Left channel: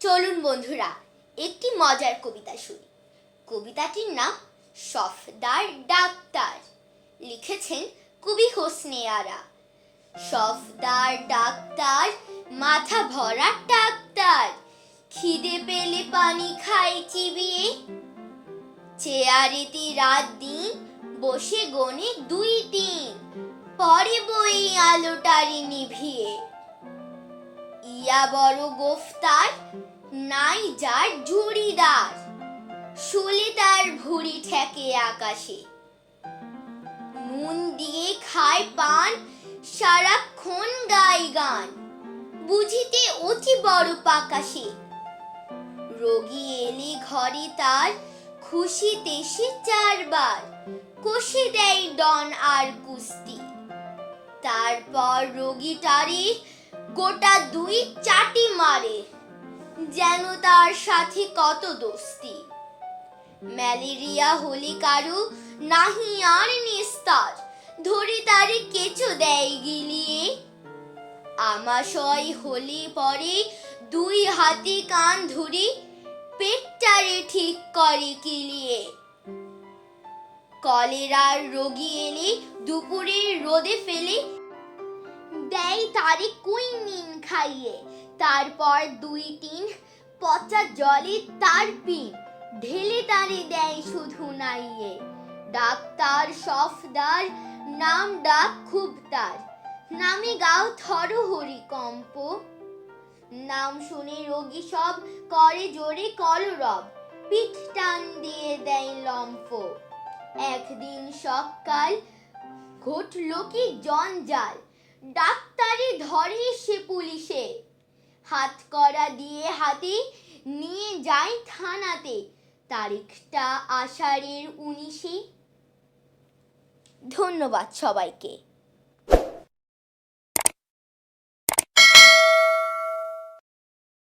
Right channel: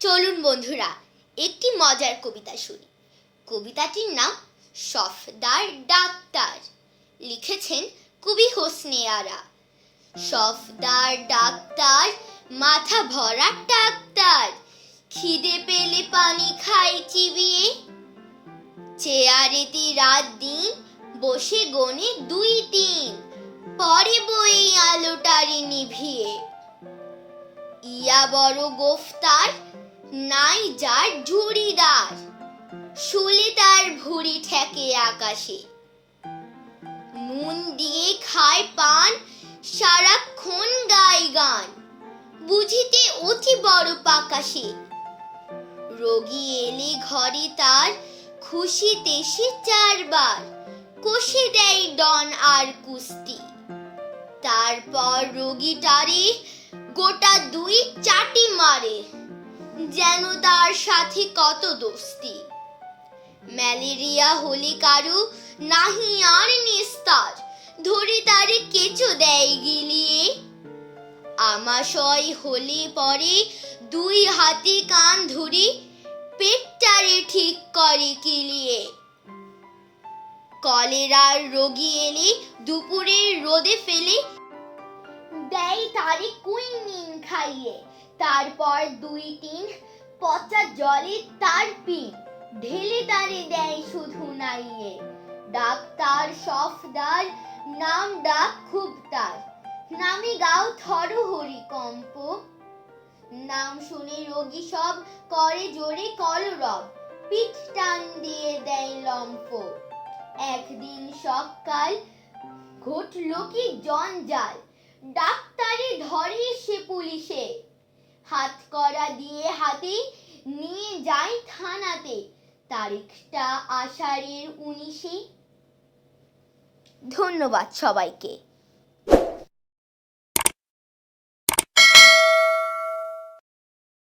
চলুন বন্ধুরা, একটি মজার কবিতা শুনি। কবিতাটির নাম সফদার ডাক্তার। লিখেছেন কবি হোসনে আরা। সফদার ডাক্তার, মাথা ভরা ডাক্তার, খিদে পেলে পানি খাই চিবিয়ে। চেয়ারেতে রাত দিন, বসে গনে দুই দিন, পরে বই আলোটারে নিভিয়ে। ইয়া বড় গোফতার, নাই যার ঝুড়িদার। শুলে তার ভুড়ি ঠেকে আকাশে। নুন দিয়ে খায় পান, সারাক্ষণ গায় গান। বুঝিতে অতি বড় পাকাশে। রোগী এলে ঘরে তার, খুশিতে সে চারবার। কষে দেয় ডন আর কুস্তি। তারপর রোগীটারে গোটা দুই চাটি মারে, যেন তার সাথে কত দোস্তি। ম্যালেরিয়া হলে কারু নাহি আর নিস্তার, ধরে তারে কেঁচো দেয় গিলিয়ে। আমাশয় হলে পরে দুই হাতে কান ধরে পেটটারে ঠিক করে কিলিয়ে কলেরার রোগী এলে দুপুরের রোদে ফেলে দেয় তারে কুইনিন খাইয়ে। তারপর দুই তিন পচা জলে তার পিন। ঢেলে তারে দেয় শুধু নাইয়ে। ডাক্তার সফদার নাম ডাক খুব তার। নামে গাও থর হরি কম্প। নাম শুনে রোগী সব করে জোরে কলরব পিঠ টান দিয়ে দেয় লম্ফ। একদিন সকাল ঘটল কি জঞ্জাল। ডাক্তারে ধরে সে পুলিশে। হাত করা দিয়ে হাতে নিয়ে যায় থানাতে। তারিখটা আষাঢ়ের উনিশে। ধন্যবাদ সবাইকে।